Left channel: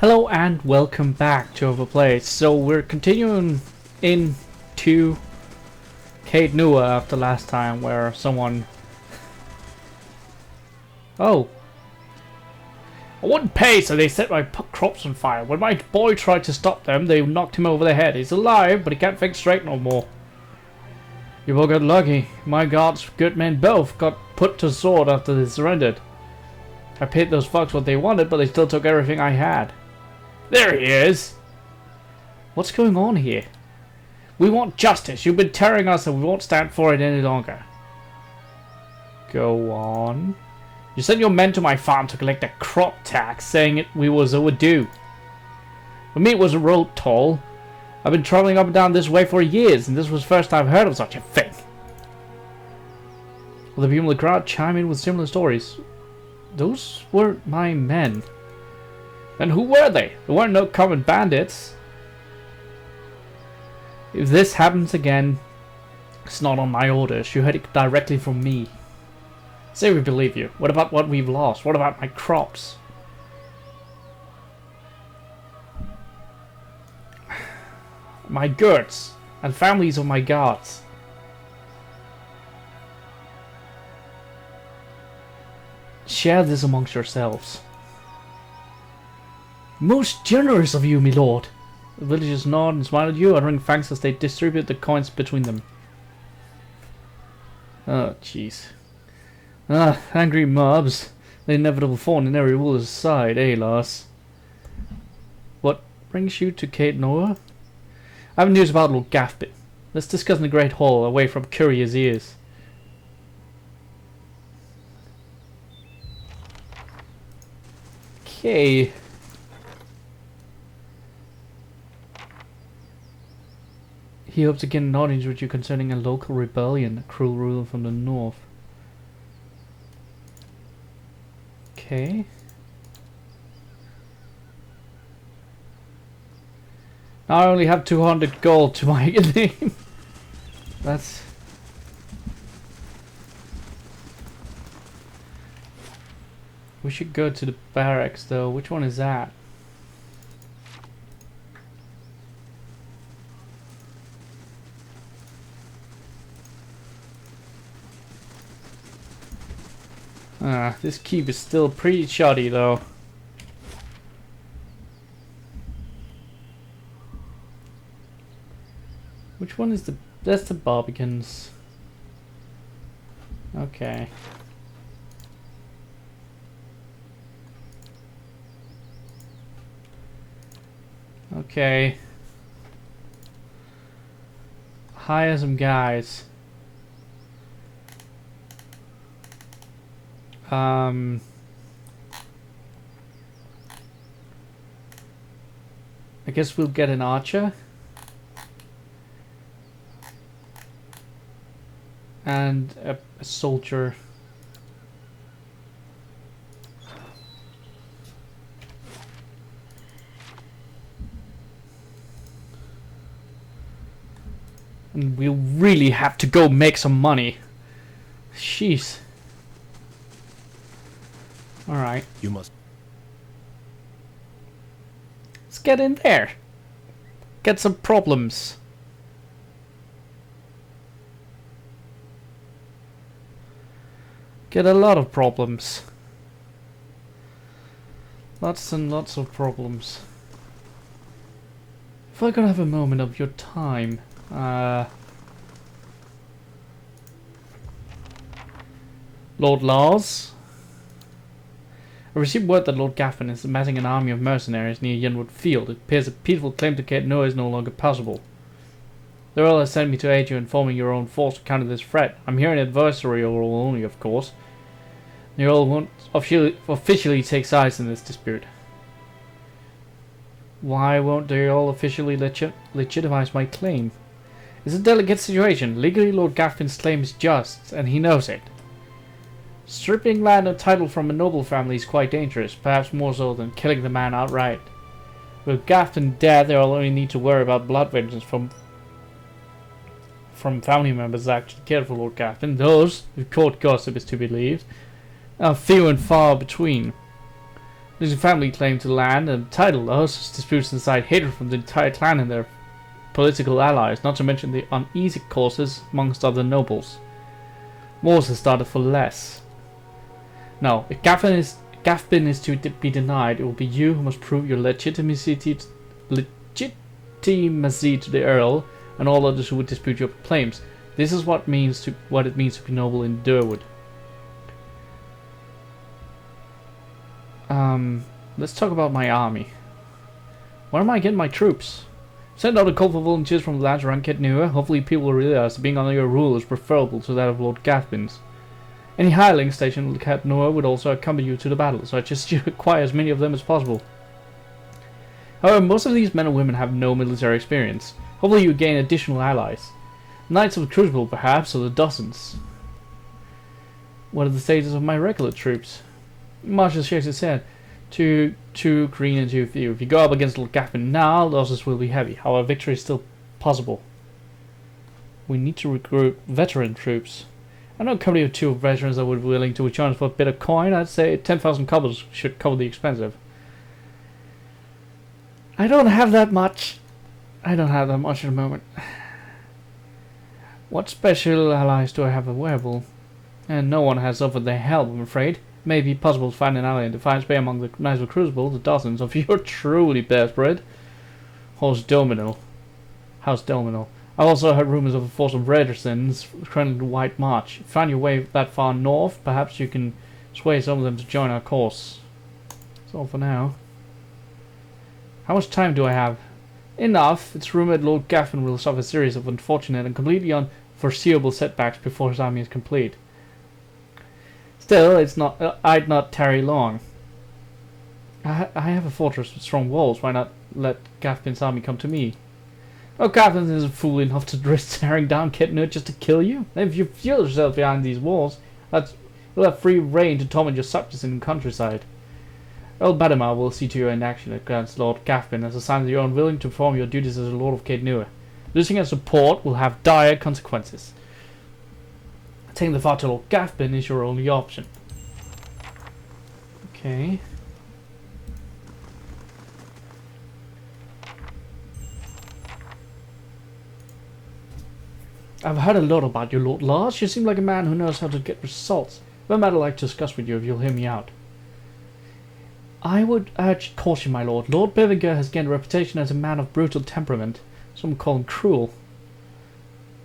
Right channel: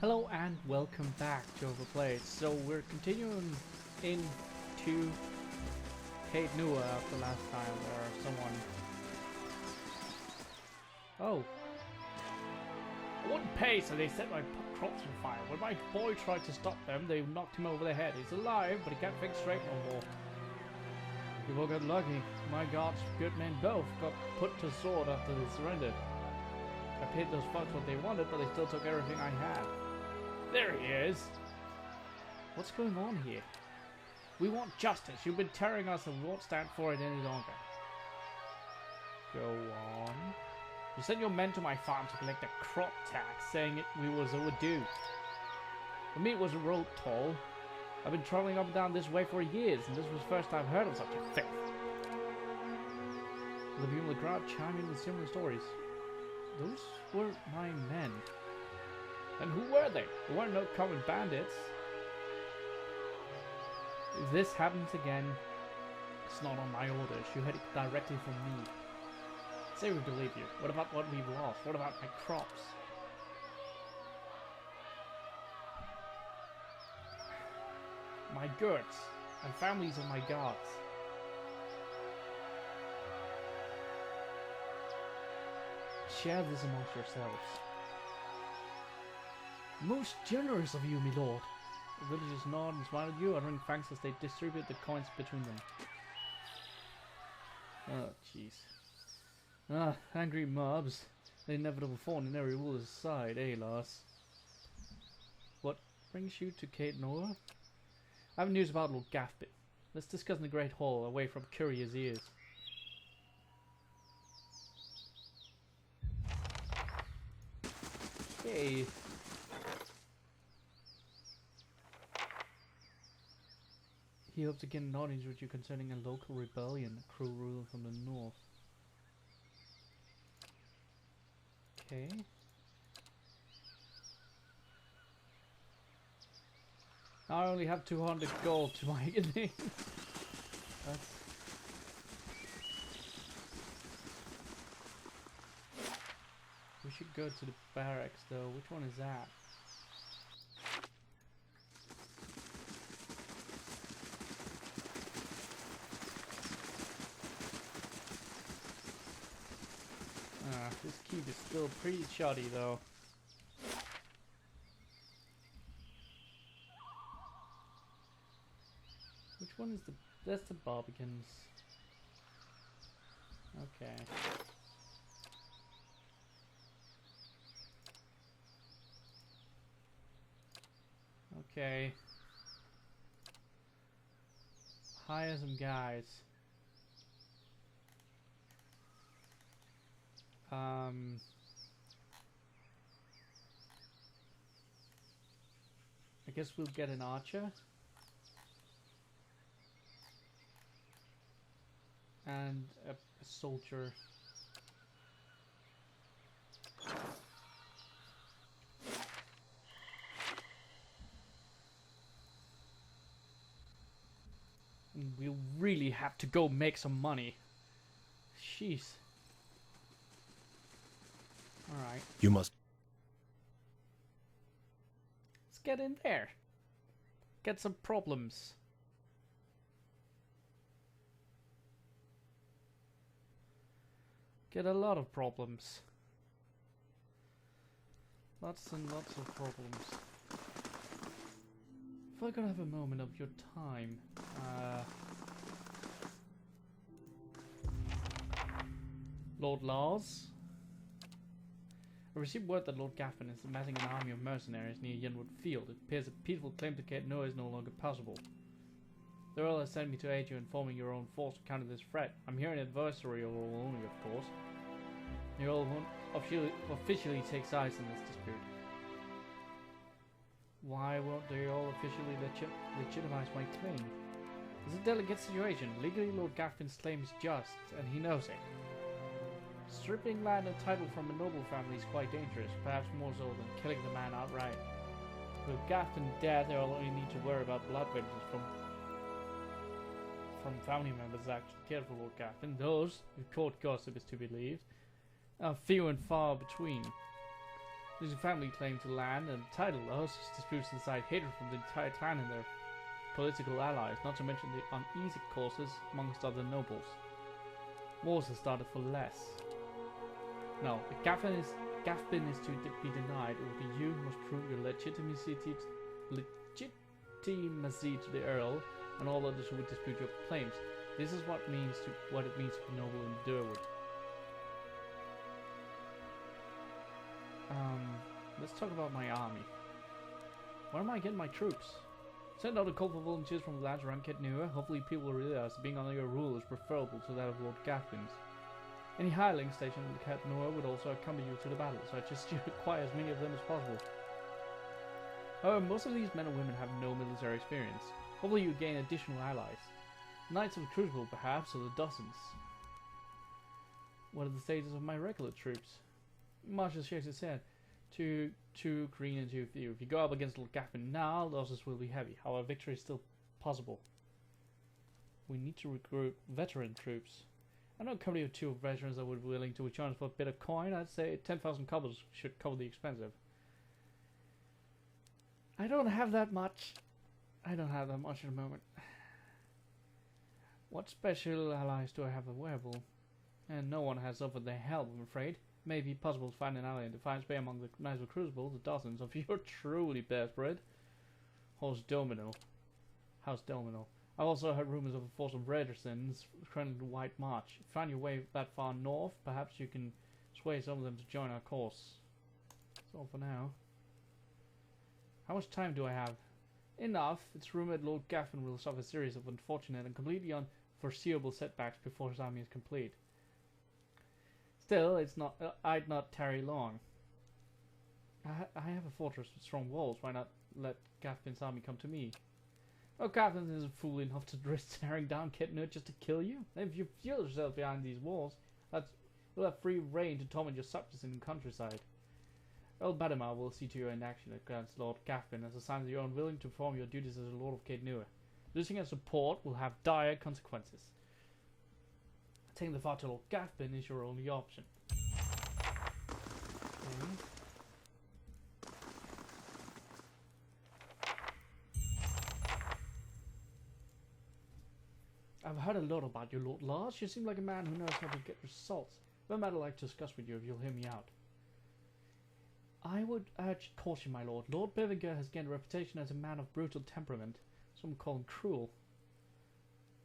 Hello and welcome back to Overplayed. So we're continuing into Kate Nua after last time where someone... Oh. I wouldn't pay, so they set my crops on fire. When my boy tried to stop them, they knocked him over the head. He's alive, but he can't think straight no more. You both got lucky. My gods, good men both, got put to sword after they surrendered. I paid those fucks what they wanted, but they still took everything I had. There he is! What's going on here? We want justice. You've been tearing us and we won't stand for it any longer. Go on. You sent your men to my farm to collect a crop tax, saying we was overdue. For me it was a road toll. I've been traveling up and down this way for years, and this was the first I've heard of such a thing. Well, the people in the crowd chime in with similar stories. Those were my men. And who were they? They weren't no common bandits. If this happens again, it's not on my orders. You heard it directly from me. Say we believe you. What about what we've lost? What about my crops? My goods and families of my guards. Share this amongst yourselves. Most generous of you, my lord. The villagers nod and smile at you, uttering thanks as they distribute the coins between them. Oh, jeez. Ah, angry mobs. The inevitable thorn in every ruler's side, eh, lass? What brings you to Kate Noah? I have news about Lord Gaffbit. Let's discuss in the Great Hall, away from curious ears. Okay. He hopes to get an audience with you concerning a local rebellion, a cruel ruler from the north. Okay. Now I only have 200 gold to my name. That's... We should go to the barracks though. Which one is that? This keep is still pretty shoddy though. Which one is the... That's the Barbicans. Okay. Okay. Hire some guys. I guess we'll get an archer and a soldier. And we'll really have to go make some money. Jeez. Alright. You must. Let's get in there. Get some problems. Get a lot of problems. Lots and lots of problems. If I could have a moment of your time. Lord Lars? I received word that Lord Gaffin is amassing an army of mercenaries near Yenwood Field. It appears a peaceful claim to Kate Noah is no longer possible. The Earl has sent me to aid you in forming your own force to counter this threat. I'm here an adversary only, of course. The Earl won't officially take sides in this dispute. Why won't the Earl officially legitimize my claim? It's a delicate situation. Legally, Lord Gaffin's claim is just, and he knows it. Stripping land and title from a noble family is quite dangerous, perhaps more so than killing the man outright. With Gaffin dead, they'll only need to worry about blood vengeance from family members that actually cared for Lord Gaffin. Those, if court gossip is to be believed, are few and far between. There's a family claim to land and title, though, such disputes incite hatred from the entire clan and their political allies, not to mention the uneasy causes amongst other nobles. Wars have started for less. Now, if Gaffbin is to be denied, it will be you who must prove your legitimacy to the Earl and all others who would dispute your claims. This is what it means to be noble in Durwood. Let's talk about my army. Where am I getting my troops? Send out a call for volunteers from the lands around Ketnua. Hopefully people will realize that being under your rule is preferable to that of Lord Gaffbin's. Any hireling stationed in Ketnua would also accompany you to the battle, so I just acquire as many of them as possible. However, most of these men and women have no military experience. Hopefully you gain additional allies. Knights of the Crucible, perhaps, or the dozens. What are the status of my regular troops? Marshal shakes his head. Two green and too few. If you go up against Lord Gaffin now, losses will be heavy. However, victory is still possible. We need to recruit veteran troops. I know a company of 2 veterans that would be willing to return for a bit of coin. I'd say 10,000 cobbles should cover the expensive. I don't have that much. I don't have that much at the moment. What special allies do I have available? And no one has offered their help, I'm afraid. It may be possible to find an ally in Defiance Bay among the Knights of Crucible, the dozens, if you're truly desperate. House Domino. I've also heard rumors of a force of Redersons currently the White March. If you find your way that far north, perhaps you can sway some of them to join our cause. That's all for now. How much time do I have? Enough. It's rumored Lord Gaffin will suffer a series of unfortunate and completely unforeseeable setbacks before his army is complete. Still, I'd not tarry long. I have a fortress with strong walls. Why not let Gaffbin's army come to me? Oh, Gaffin isn't fool enough to risk tearing down Ketnut just to kill you. If you feel yourself behind these walls, you'll have free reign to torment your subjects in the countryside. Earl Badimar will see to you in action against Lord Gaffin as a sign that you are unwilling to perform your duties as a Lord of Ketnua. Losing your support will have dire consequences. Taking the fight to Lord Gaffin is your only option. Okay. I've heard a lot about you, Lord Lars. You seem like a man who knows how to get results. If a matter I'd like to discuss with you, if you'll hear me out. I would urge caution, my lord. Lord Bevinger has gained a reputation as a man of brutal temperament. Some call him cruel.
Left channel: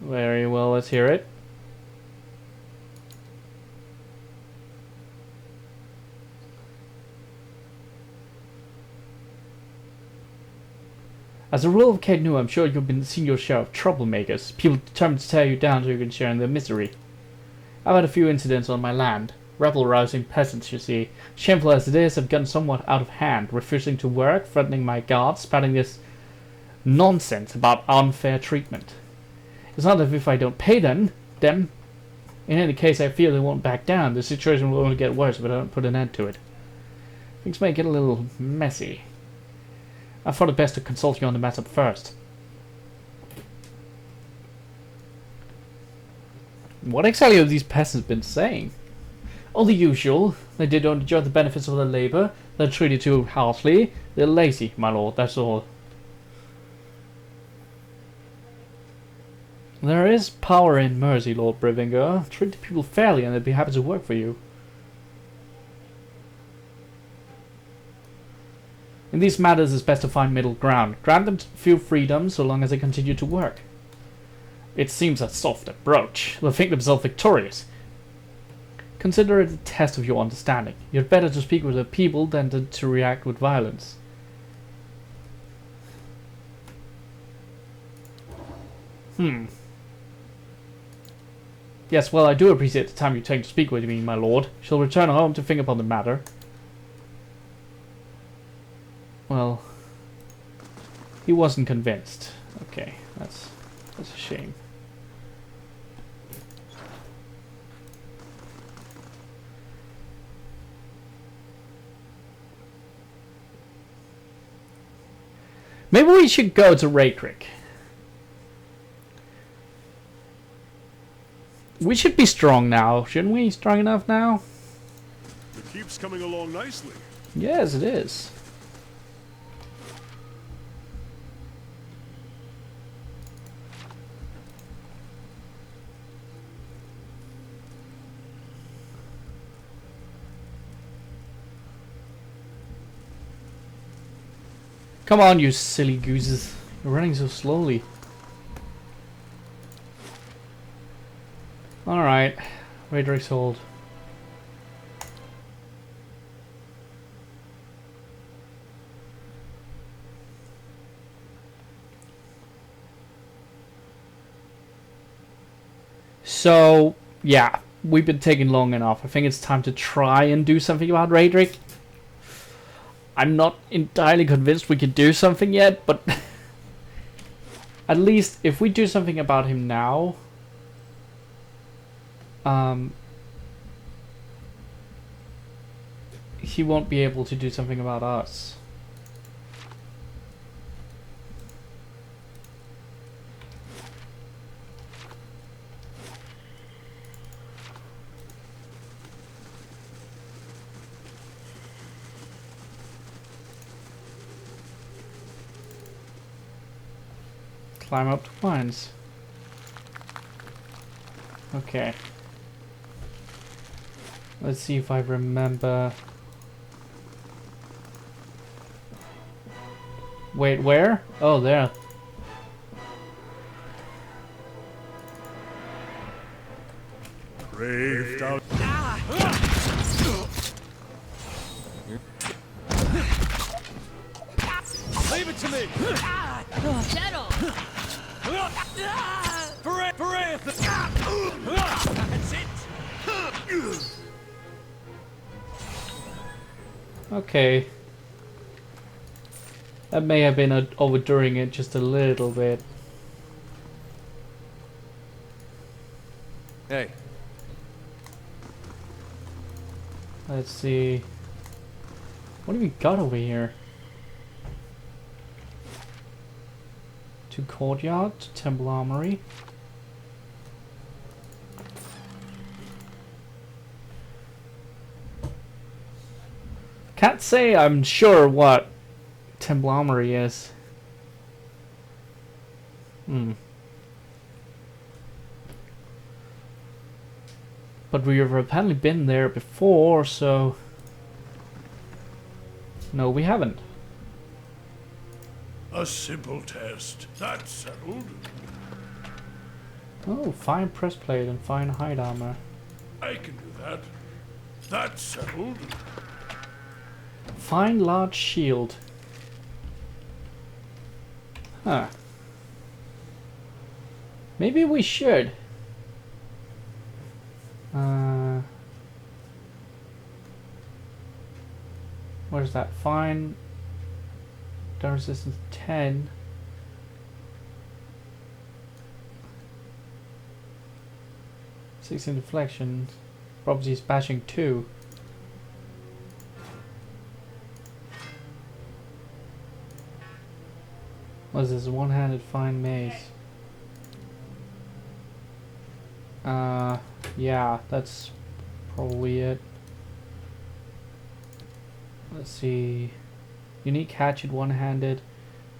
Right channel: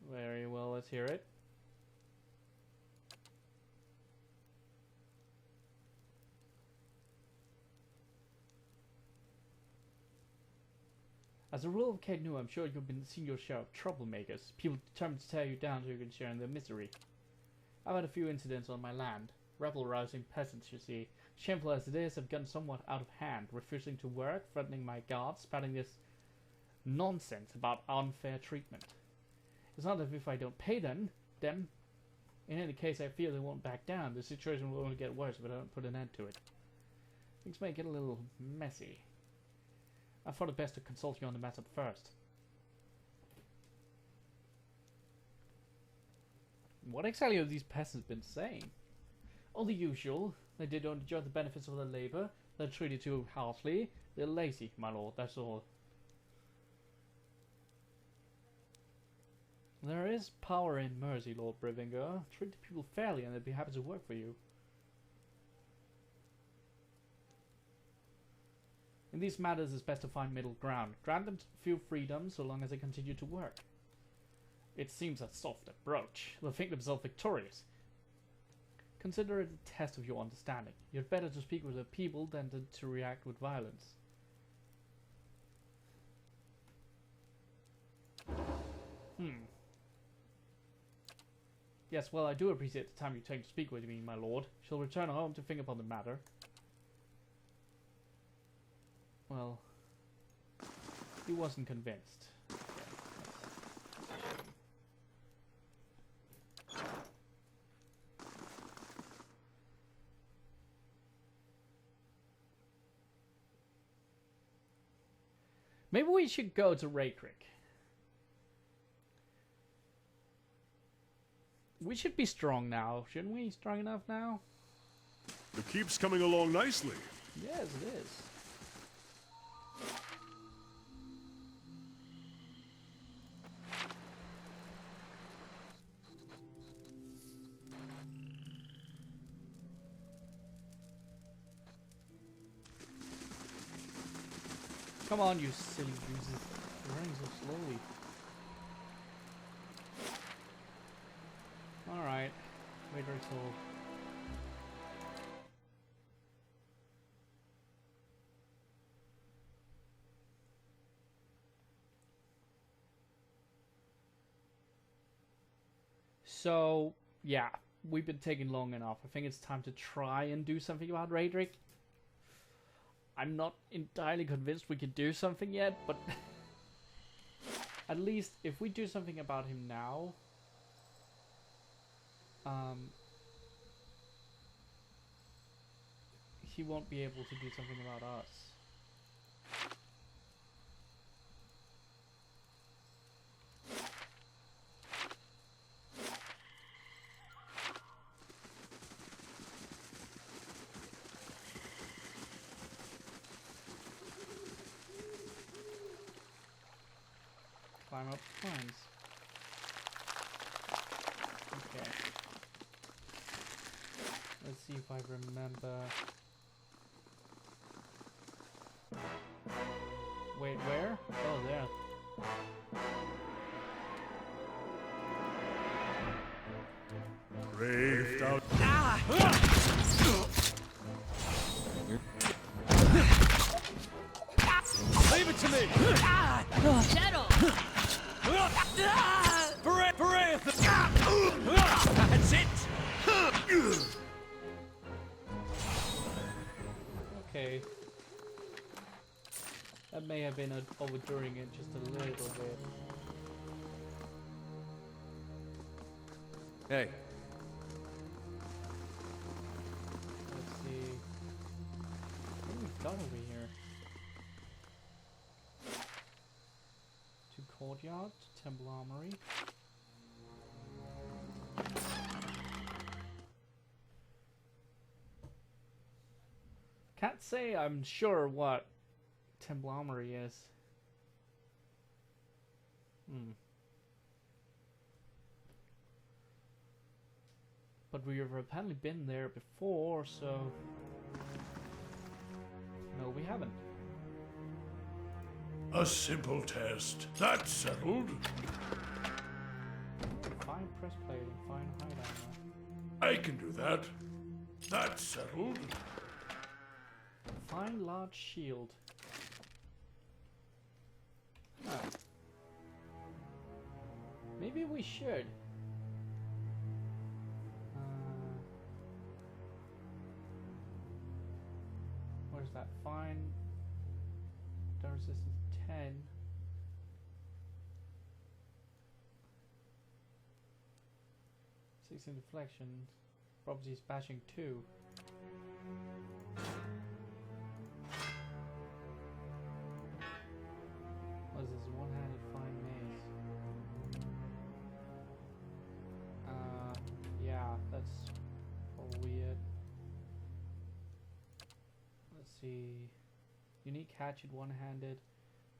Very well, let's hear it. As a rule of Ketnua, I'm sure you've been seeing your share of troublemakers, people determined to tear you down so you can share in their misery. I've had a few incidents on my land. Rebel-rousing peasants, you see. Shameful as it is, have gotten somewhat out of hand, refusing to work, threatening my guards, spouting this nonsense about unfair treatment. It's not as if I don't pay them. In any case, I fear they won't back down. The situation will only get worse if I don't put an end to it. Things may get a little messy. I thought it best to consult you on the matter first. What exactly have these peasants been saying? All the usual. They don't enjoy the benefits of their labour. They're treated too harshly. They're lazy, my lord, that's all. There is power in mercy, Lord Brevinger. Treat the people fairly and they'd be happy to work for you. In these matters, it's best to find middle ground. Grant them few freedoms so long as they continue to work. It seems a soft approach. They'll think themselves victorious. Consider it a test of your understanding. You're better to speak with the people than to react with violence. Yes, well, I do appreciate the time you take to speak with me, my lord. Shall return home to think upon the matter. Well, he wasn't convinced. Okay, that's a shame. Maybe we should go to Raykrick. We should be strong now, shouldn't we? Strong enough now? The keep's coming along nicely. Yes, it is. Come on, you silly gooses. You're running so slowly. Alright. Radric's hold. So, yeah. We've been taking long enough. I think it's time to try and do something about Radric. I'm not entirely convinced we can do something yet, but at least if we do something about him now, he won't be able to do something about us. Climb up the vines. Okay. Let's see if I remember. Wait, where? Oh, there. Braved out. Leave it to me. Settle. That's it. Okay. That may have been overdoing it just a little bit. Hey. Let's see. What do we got over here? To courtyard, to temple armory. Can't say I'm sure what temple armory is. But we've apparently been there before, so... No, we haven't. A simple test. That's settled. Oh, fine breastplate and fine hide armor. I can do that. That's settled. Fine large shield. Huh. Maybe we should. Where's that? Fine. Down resistance 10. Six in deflection. Properties bashing 2. What's this? One-handed fine mace. Yeah, that's probably it. Let's see. Unique hatchet, one-handed,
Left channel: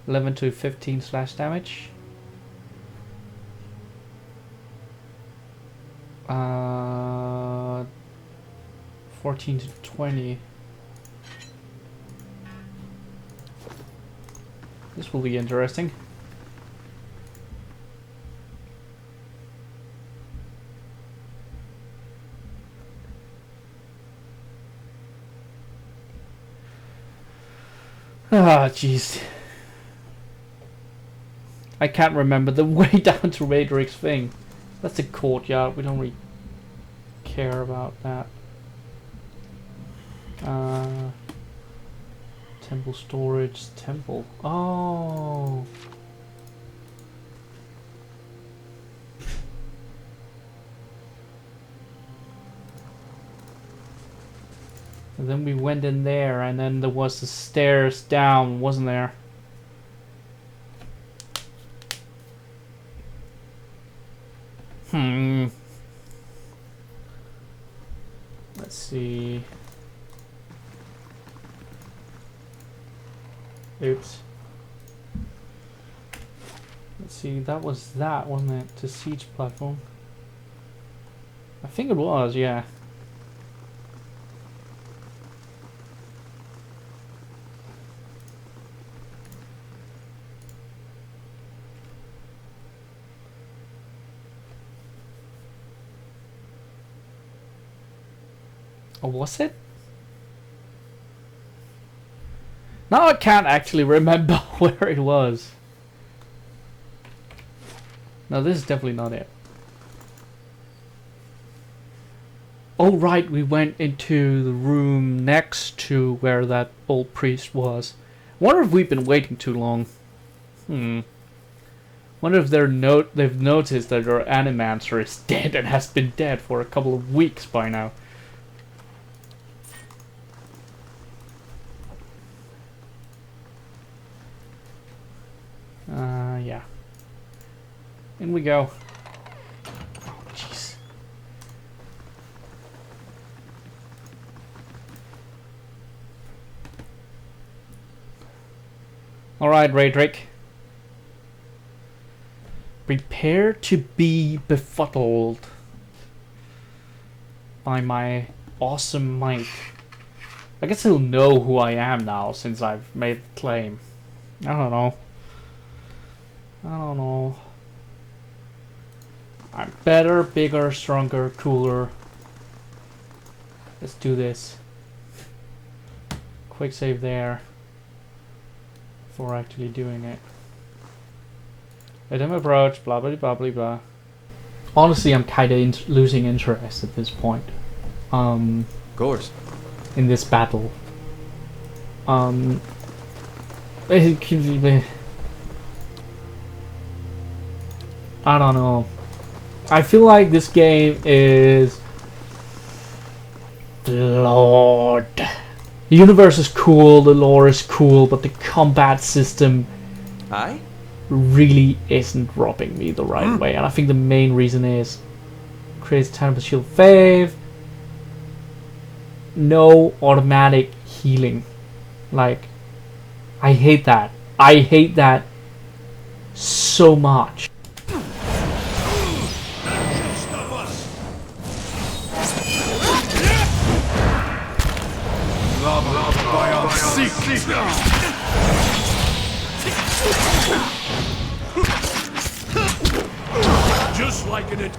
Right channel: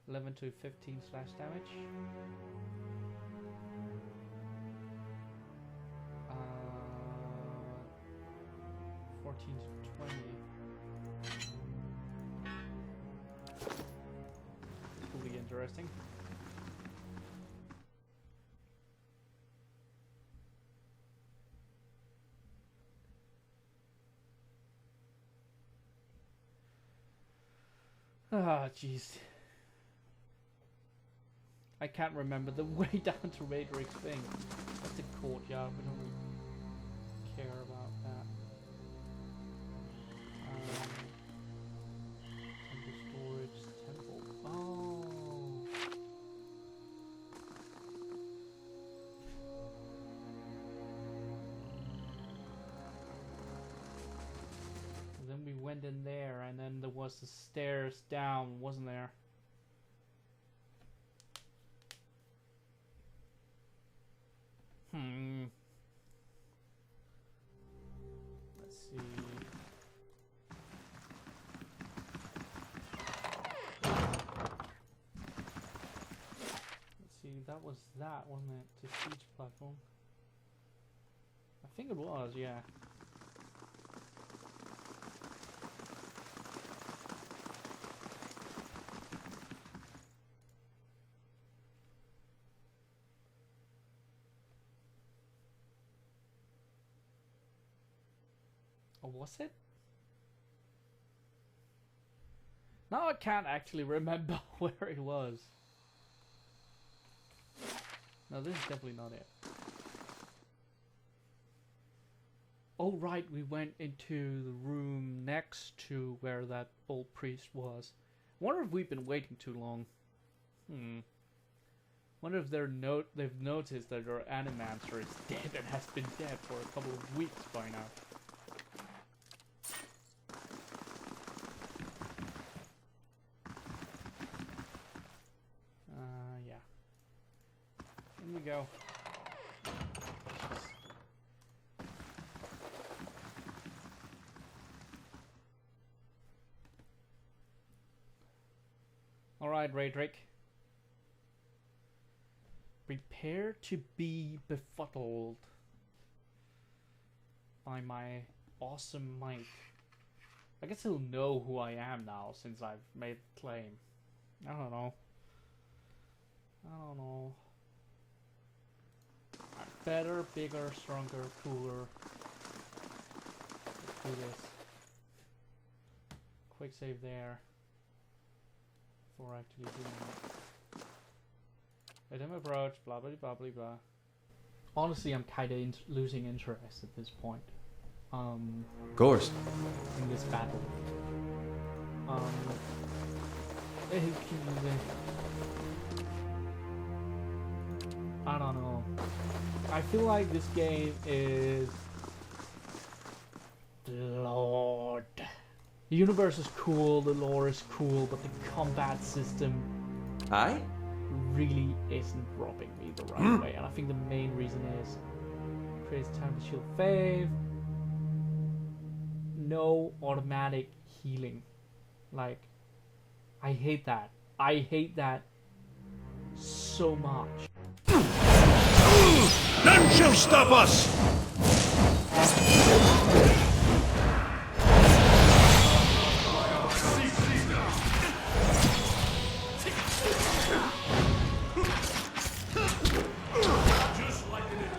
11 to 15 slash damage. 14 to 20. This will be interesting. Ah, jeez. I can't remember the way down to Radric's thing. That's a courtyard. We don't really care about that. Temple storage. Temple. Oh. And then we went in there, and then there was the stairs down, wasn't there? Let's see. It's... Let's see, that was that, wasn't it? The siege platform. I think it was, yeah. Or was it? Now I can't actually remember where it was. No, this is definitely not it. Oh right, we went into the room next to where that old priest was. Wonder if we've been waiting too long. Wonder if they've noticed that our animancer is dead and has been dead for a couple of weeks by now. Yeah. In we go. Jeez. Alright, Raydrick. Prepare to be befuddled by my awesome might. I guess he'll know who I am now since I've made the claim. I don't know. I'm better, bigger, stronger, cooler. Let's do this. Quick save there. Before actually doing it. Let him approach, blah blah blah blah blah. Honestly, I'm kinda losing interest at this point. Course. In this battle. I don't know. I feel like this game is flawed. The universe is cool, the lore is cool, but the combat system Aye? really isn't rubbing me the right way. And I think the main reason is creates Turnbased shield fave, no automatic healing. Like, I hate that. I hate that so much. None shall stop us! By our secret. Just like in it.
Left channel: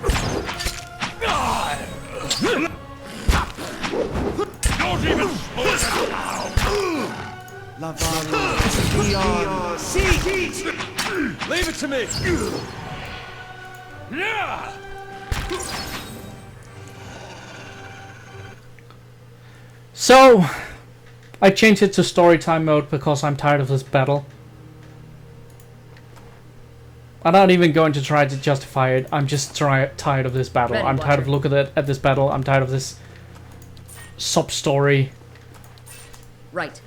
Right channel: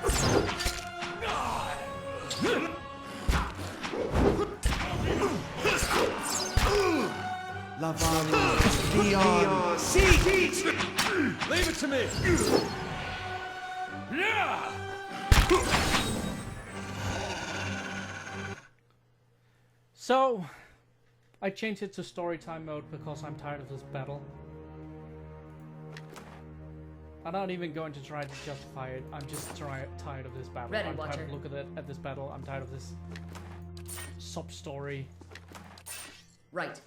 Don't even Leave it to me! Yeah! So, I changed it to storytime mode because I'm tired of this battle. I'm not even going to try to justify it. I'm just tired of this battle. Ready, I'm tired of Watcher. looking at this battle. I'm tired of this sub-story. Right.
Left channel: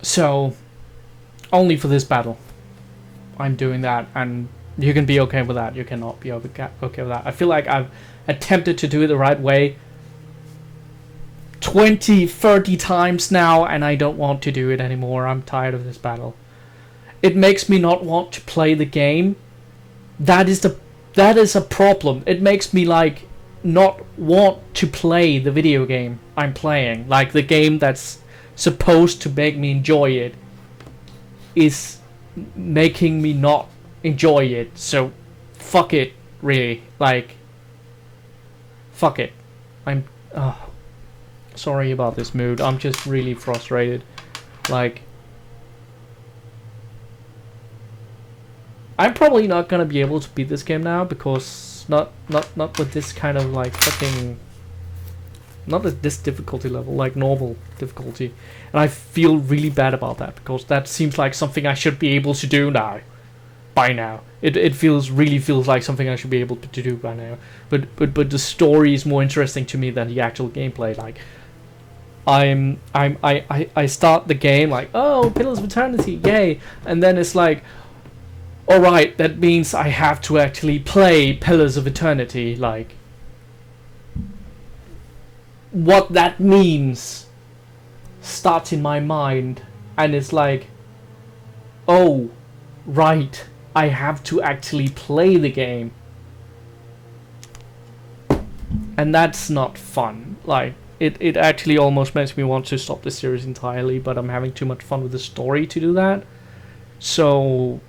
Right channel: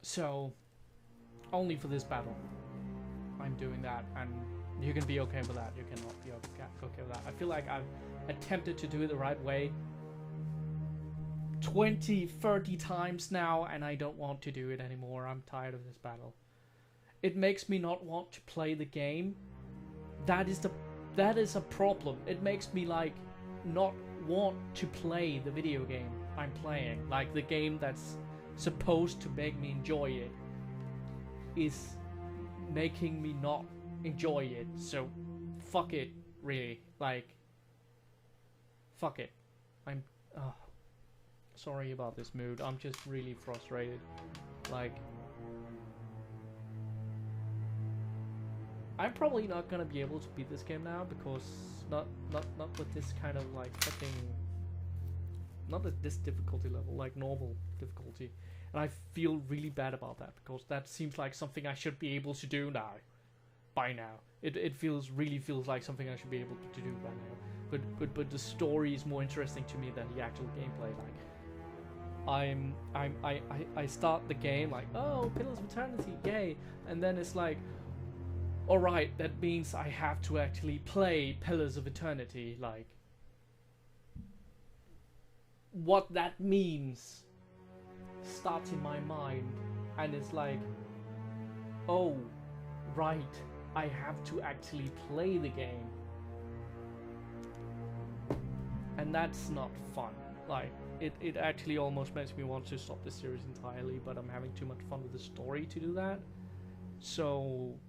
So, only for this battle, I'm doing that, and you can be okay with that. You cannot be okay with that. I feel like I've attempted to do it the right way 20, 30 times now, and I don't want to do it anymore. I'm tired of this battle. It makes me not want to play the game. That is a problem. It makes me like not want to play the video game I'm playing. Like the game that's supposed to make me enjoy it is making me not enjoy it. So fuck it, really. Like fuck it. I'm sorry about this mood. I'm just really frustrated. Like I'm probably not gonna be able to beat this game now because not with this kind of like fucking, not at this difficulty level, like normal difficulty. And I feel really bad about that because that seems like something I should be able to do now. By now, it really feels like something I should be able to do by now. But the story is more interesting to me than the actual gameplay. Like I start the game like, oh, Pillars of Eternity, yay, and then it's like, alright, that means I have to actually play Pillars of Eternity. Like, what that means starts in my mind, and it's like, oh, right, I have to actually play the game. And that's not fun. Like, it actually almost makes me want to stop the series entirely, but I'm having too much fun with the story to do that. So,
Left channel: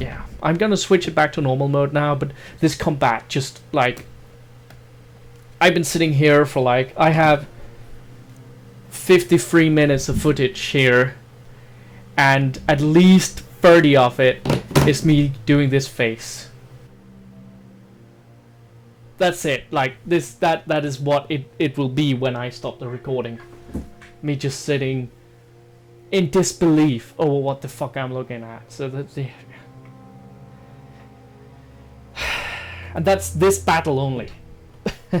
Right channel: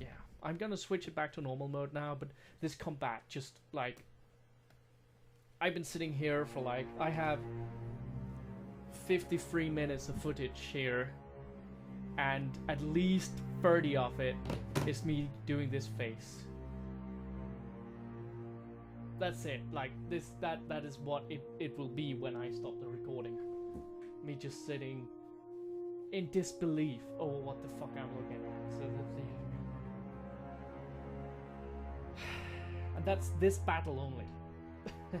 yeah, I'm gonna switch it back to normal mode now, but this combat just, like, I've been sitting here for, like, I have 53 minutes of footage here, and at least 30 of it is me doing this face. That's it. Like, that is what it will be when I stop the recording. Me just sitting in disbelief over what the fuck I'm looking at. So that's the... And that's this battle only. So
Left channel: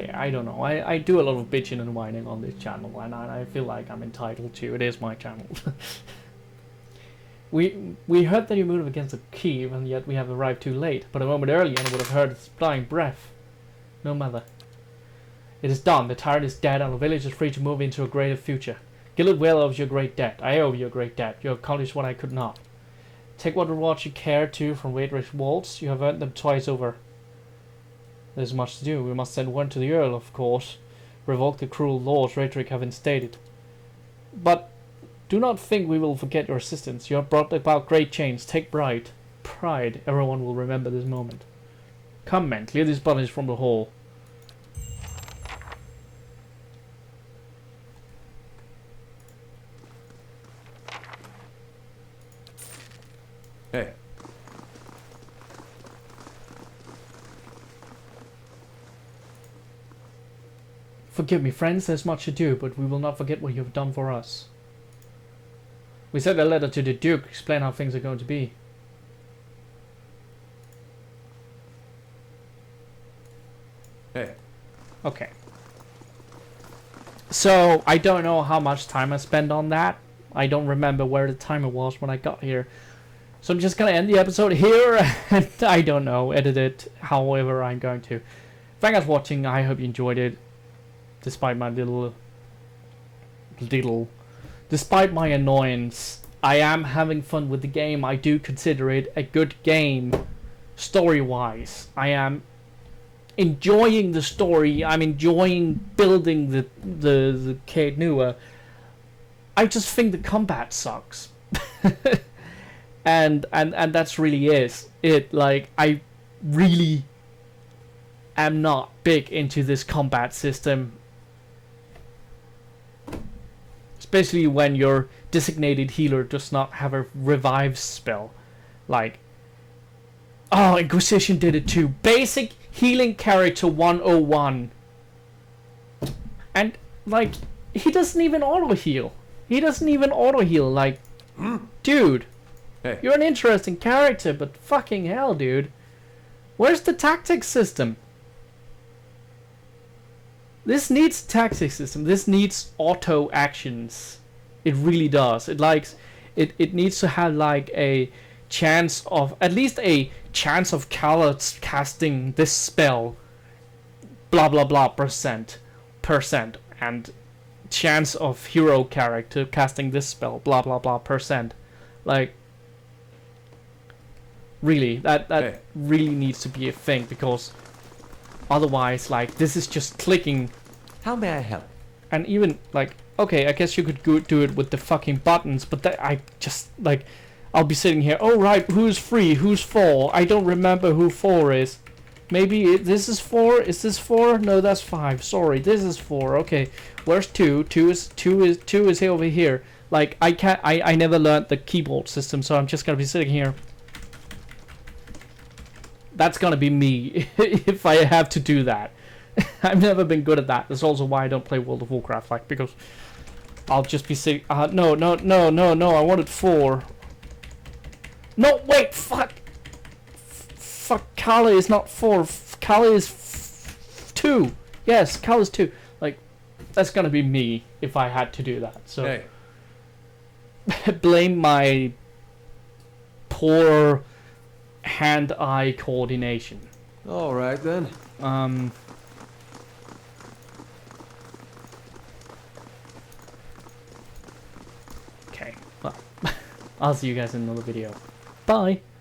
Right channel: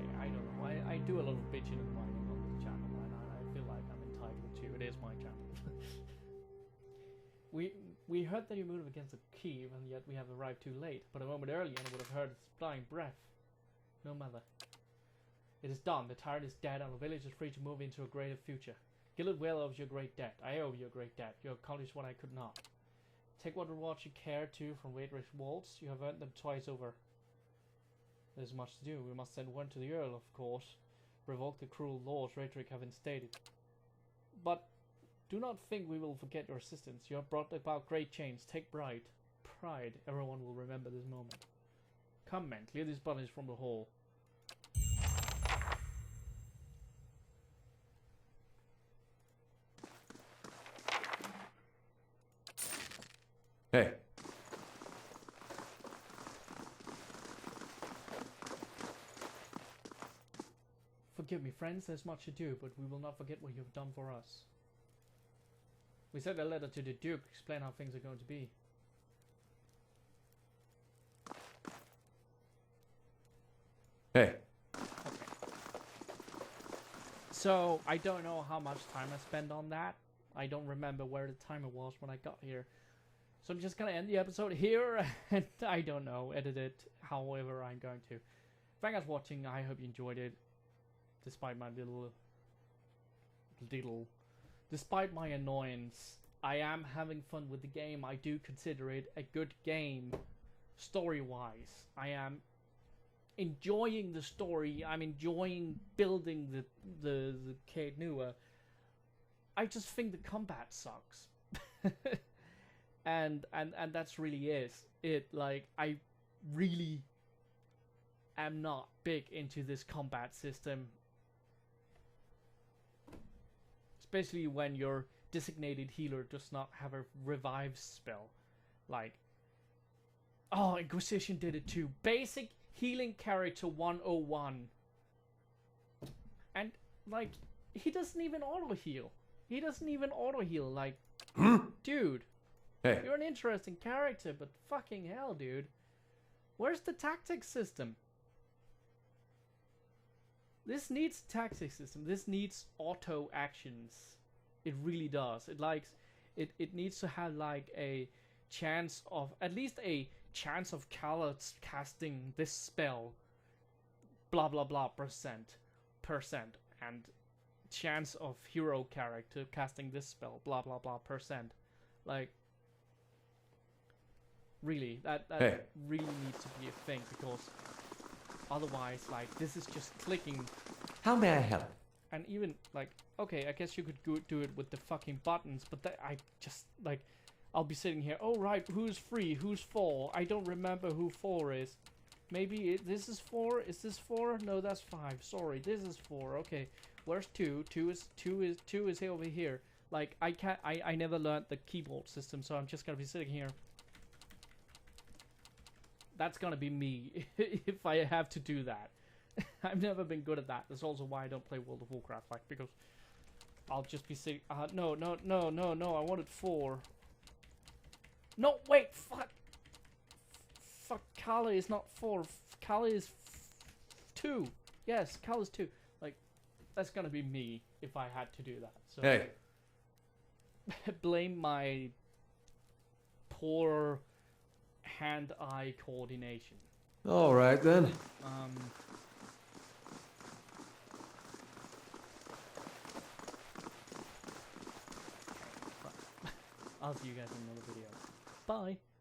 yeah, I don't know. I do a lot of bitching and whining on this channel, and I feel like I'm entitled to. It is my channel. We heard that you moved against the Kiev, and yet we have arrived too late. But a moment earlier, I would have heard its dying breath. No matter. It is done. The tyrant is dead, and the village is free to move into a greater future. Gilad well owes you a great debt. I owe you a great debt. You have accomplished what I could not. Take what rewards you care to from Waidrish walls. You have earned them twice over. There's much to do. We must send word to the Earl, of course. Revoke the cruel laws Raedric have instated. But do not think we will forget your assistance. You have brought about great change. Take pride. Pride. Everyone will remember this moment. Come, men. Clear these bodies from the hall. Hey. Forgive me, friends. There's much to do, but we will not forget what you have done for us. We sent a letter to the Duke, explain how things are going to be. Hey. Okay. So, I don't know how much time I spent on that. I don't remember where the timer was when I got here. So I'm just gonna end the episode here, and I don't know, edit it however I'm going to. Thank you for watching. I hope you enjoyed it. Despite my despite my annoyance, I am having fun with the game. I do consider it a good game, story-wise. I am enjoying the story. I'm enjoying building the Caed Nua. I just think the combat sucks, and that's really it. Like, I really am not big into this combat system. Especially when your designated healer does not have a revive spell. Like, oh, Inquisition did it too. Basic healing character 101. And, like, he doesn't even auto heal. Like, dude, Hey. you're an interesting character, but fucking hell, dude. Where's the tactics system? This needs a tactics system. This needs auto actions. It really does. It needs to have like a chance of, at least a chance of Khaled casting this spell, blah blah blah percent, and chance of hero character casting this spell, blah blah blah percent. Like, really, that Hey. really needs to be a thing, because otherwise, like, this is just clicking. How may I help? And even, like, okay, I guess you could do it with the fucking buttons, but that, I just, like, I'll be sitting here, oh right, who's 3, who's 4? I don't remember who 4 is. Maybe this is 4? Is this 4? No, that's 5. Sorry, this is 4. Okay, where's 2? 2 is over here. Like, I never learned the keyboard system, so I'm just gonna be sitting here. That's gonna be me if I have to do that. I've never been good at that. That's also why I don't play World of Warcraft, like, because I'll just be sitting. No, I wanted 4. No, wait, fuck. Fuck, Kala is not 4. Kala is 2. Yes, Kala's 2. Like, that's gonna be me if I had to do that. So, Hey. blame my poor hand-eye coordination. All right then. I'll see you guys in another video. Bye.